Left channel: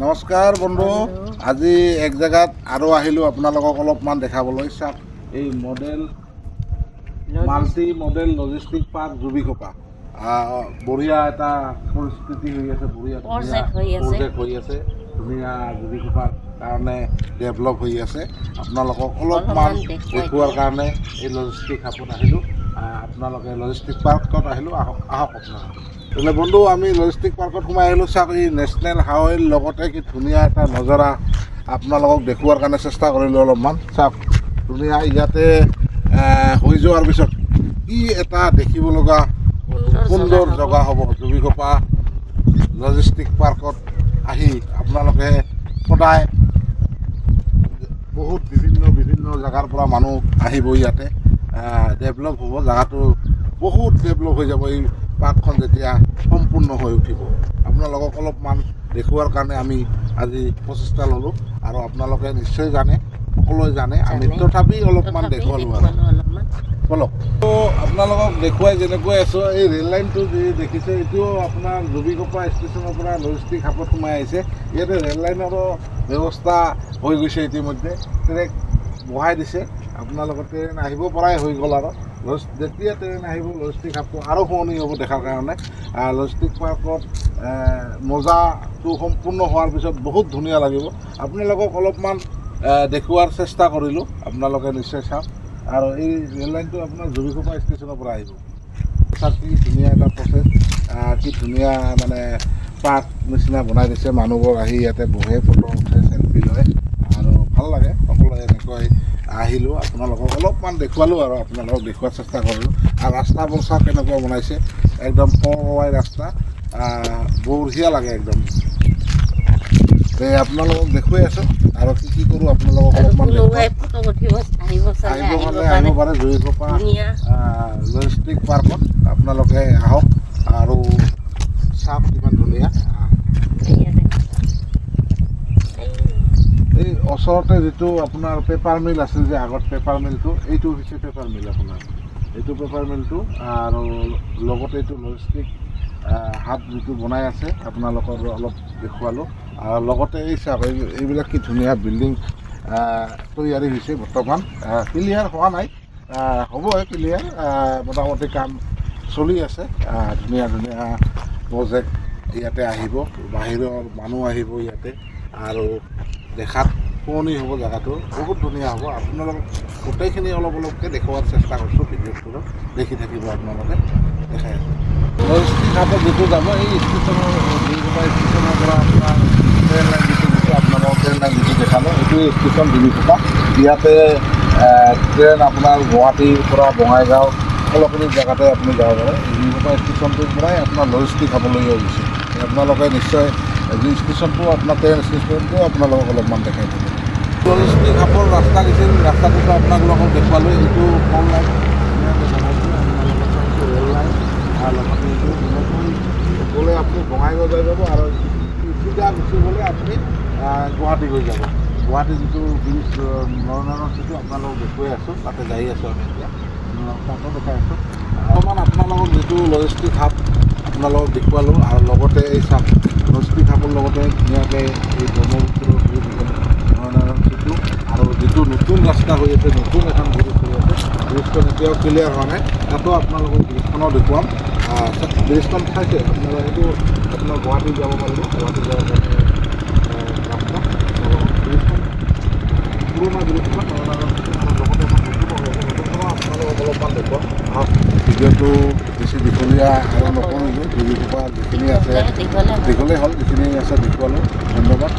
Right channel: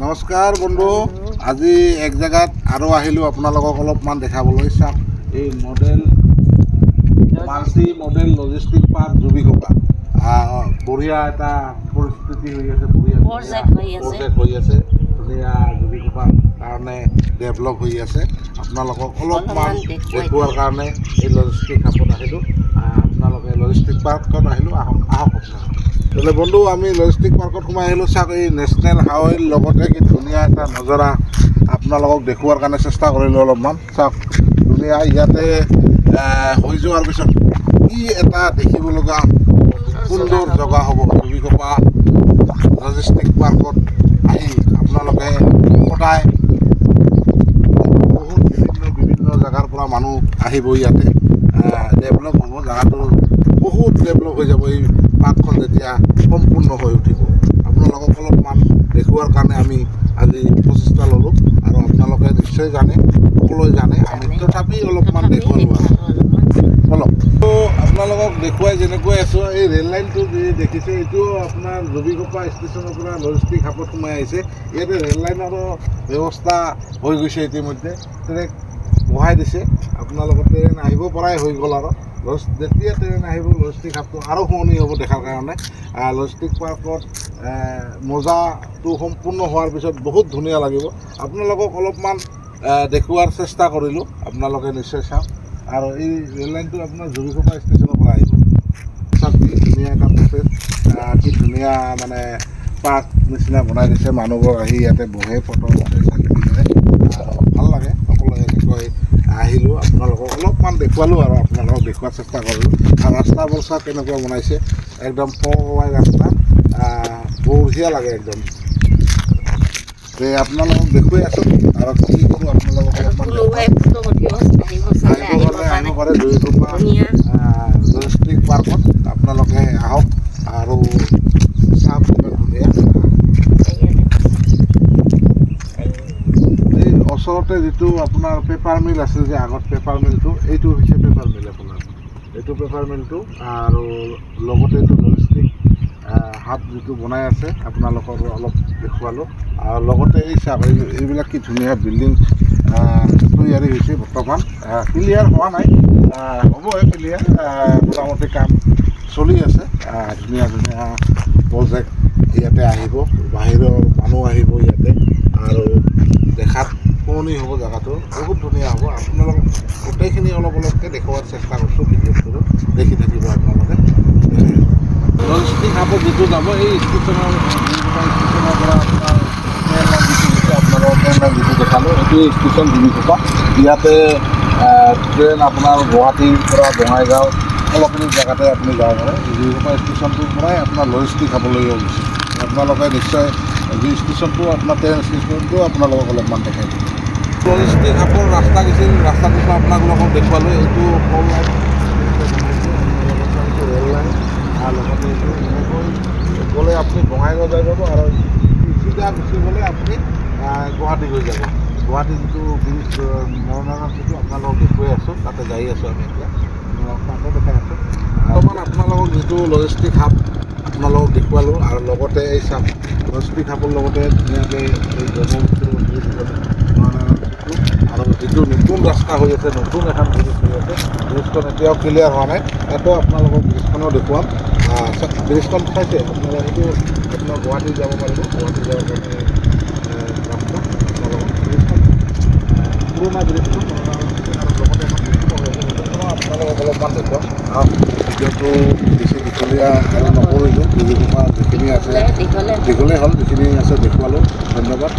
নমস্কাৰ বন্ধু, আজি এক জেগাত আৰু আহিলোঁ আপোনালোকক অলপমান দেখাবলৈ। চাওক, এই মাল্টি মডেল লজিষ্টিক পাৰ্ক জুবিকপা বঢ়িয়া এটা পৰিস্থিতি হৈ আছে, বঢ়িয়া প্ৰজেক্ট হৈ আছে, ধুনীয়া জুবিকপাৰ কাৰণে ডেভেলপ হৈ আছে। আপোনালোকক অলপমান দেখুৱাৰ কাৰণে এই লজিষ্টিক হাবত আহিলোঁ। আপোনালোকে লজিষ্টিক পাৰ্কত আহিলোঁ, আহক আপোনালোকে। বোলে বন্ধু, আমি লজিষ্টিক পাৰ্কত সোমাই আহিলোঁ। চাওক, এই নেশ্যনেল হাইৱেৰ লগতে কি ধুনীয়া এটা নজাৰা আপোনালোকক দেখুৱাৰ কাৰণে চেষ্টা কৰিলোঁ অলপমান। চাওক, ধুনীয়া ইয়াতে হৈ যোৱাৰ পিছত কি এটা দেখিব লগা সুন্দৰ জেগা হ'ব। জুবিকপা লজিষ্টিক পাৰ্কত আহি আপোনালোকে সদায় বহুত বিভিন্ন জেগাৰ পৰা মানুহ আহিব। ইয়াতে ডেভেলপ হ'ব, জেগাটো বহুত ডেভেলপ হৈ যাব এই পাৰ্কখন যেতিয়া সম্পূৰ্ণ হৈ উঠিব। আপোনালোকক অলপমান দেখুৱাৰ কাৰণে আমি আজি প্ৰচেষ্টা ল'লোঁ, আৰু আপোনালোকে নিশ্চয় জানে, সকলোৱে জানে, আমি তথাপি অলপমান দেখুৱালোঁ আৰু অলপ। তো আপোনালোকক দেখুৱাই যেনেকৈ আছোঁ, এই ৰেল লাইনটো যি দেখিছে, এইটো আপোনাৰ জুবিকপা ষ্টেচনৰ পৰা লজিষ্টিক হাবত সোমাই আহিছে। ইয়াতে ৰেল লাইনৰো ব্যৱস্থা হৈ গৈছে, ইতিমধ্যে ট্ৰেক বহাই দিছে। আপোনালোকৰ ট্ৰেইন আহিব পৰাই হৈ গ'ল, আৰু যেতিয়া ট্ৰেইন আহিব লজিষ্টিক হাবটো আৰু শুৱনি হ'ব দেখাৰ কাৰণে। লজিষ্টিক পাৰ্কত মজাটো সম্পূৰ্ণ হোৱাৰ পিছত বহুত ধুনীয়া লাগিব। আপোনালোকক অলপমান দেখুৱাৰ চেষ্টা কৰিলোঁ, আপোনালোকে নিশ্চয় চাওক। আৰু এই ৰেল লাইনটো আপোনাৰ জুবিকপা ষ্টেচনৰ পৰা আহিব। চাওক, কি ধুনীয়া এটা প্ৰচেছ, কি ধুনীয়া মানে পাৰ্ক নিচিনা বনাই দিছে। মানুহবোৰ আহি ইয়াতে বহে, ফটো চেলফি লয়, আৰু ভাল লাগে। সকলোৱে এনেকৈ আহিলোঁ, আপোনালোকক অলপমান দেখুৱালোঁ আৰু আপোনালোকক দেখুৱাৰ চেষ্টা কৰিলোঁ। আৰু ৰাস্তাবোৰ চাওক কেনেকুৱা বনাইছে, একদম পৰৱাই ৰাস্তা, বঢ়িয়া লাগে একদম। আপোনালোকক দেখুৱাই আছোঁ, আৰু কি কৰোঁ আপোনালোকক অলপমান আহিব পাৰে জুবিকপা লজিষ্টিক পাৰ্কত। আপোনালোকে আহক আৰু চাওক কিমান ধুনীয়া। এই ওচৰতে যিটো আপোনাৰ পেপাৰ মিল আছিল যে আগত, পেপাৰ মিলটো, এইটো হৈছে পেপাৰ মিল আপোনাৰ, এইটো পেপাৰ মিলটো। আৰু লগতে এইটো লজিষ্টিক হাব যিটো বনাই আছে, আপোনালোকৰ অলপ দেখুৱালোঁ। আৰু লগতে এই চাওক, এইবিলাক কি ধুনীয়া বিল্ডিং তৈয়াৰী হৈছে বৰ্তমান। ক্লিয়াৰ হোৱা নাই, হ'বই ক্লিয়াৰ, মোটামুটি কাম চলি আছে। ধুনীয়া ধুনীয়া প্ৰজেক্ট ইয়াতে আহিব, বাহিৰৰ মানুহ আহিব ইয়াতে, আৰু দেখাত শুৱনি হ'ব, জেগাটো বহুত ধুনীয়া হ'ব। আপোনালোকক গোটেইখিনি অলপ অলপকৈ দেখুওৱাৰ চেষ্টা কৰিছোঁ, ভিডিঅ'টো দেখি থাকিব আপোনালোকে। লজিষ্টিক হাবত যিটো যাব, এই ষ্টেচনৰ ষ্টেচনৰ পৰা আপোনাৰ ট্ৰেইন লাইন যিটো দিছে, আপোনালোকৰ ট্ৰেইন লাইন যিটো দেখালোঁ, এইটো ষ্টেচন জুবিকপা। ইয়াতে ট্ৰেইন আপোনাৰ গুৱাহাটীৰ পৰা বঙাইগাঁও সকলোখিনি জেগাতে আপুনি যাব পাৰে। জুবিকপা ষ্টেচনটোৰ পৰাই আপোনাৰ লজিষ্টিক হাবলৈ গৈছে। আপোনালোকে নিশ্চয় যি ষ্টেচনটো আপোনাৰ ট্ৰেইন ষ্টেচনটো আপোনালোকক অলপমান দেখাই দিব। লজিষ্টিক হাবৰ ৰাস্তা গৈছিল, ৰাস্তাটোতো আপোনালোকক দেখুৱালোঁ। এইটো কল লাইন, ৰেল লাইন, আৰু লগতে এইটো গ'লে আপুনি বঙাইগাঁও যাই যাব, আৰু চিধা গুচি গ'লে আপুনি গুৱাহাটী গৈ যাব। গুৱাহাটী যিটো ব্ৰিজ নৰনাৰায়ণ যিটো আপোনালোকক দেখুৱাই আছোঁ, তাতে যাই আছোঁ আমি এতিয়া, তাতে দেখাই আছোঁ। বৰ্তমান আপোনালোকক যিটো লজিষ্টিক হাব আপোনালোকক দেখুৱালোঁ, আৰু লগতে এই চাওক, লজিষ্টিক হাবৰ লগতে ধুনীয়াকৈ এই ব্ৰহ্মপুত্ৰ নৰনাৰায়ণ যিটো, আৰু যিটো নতুন ৰাস্তা হৈ আছে, নতুন এখন ব্ৰিজ হৈ আছে, ব্ৰিজখন এতিয়াও ক্লিয়াৰ হোৱা নাই, তাতো আপোনালোকক ব্ৰিজখনো দেখুৱাম। ব্ৰিজখন চাইছে আপোনালোকে, এইটো আপোনাৰ গুৱাহাটী যাব পাৰিব, গুৱাহাটী যাব পাৰিব ৰাস্তা। ব্ৰিজখন পুৰণা ব্ৰিজখন, আৰু লগতে এখন নতুন হৈ আছে, নতুনখনো আপোনালোকক অলপমান দেখুৱাম। আৰু ভিডিঅ'টো বেছি দীঘলীয়া আৰু নকৰিলোঁ, জুবিকপা যিখিনি আছে দীঘলেই হ'ল, যিখিনি আছে দেখুৱালোঁ। ধন্যবাদ।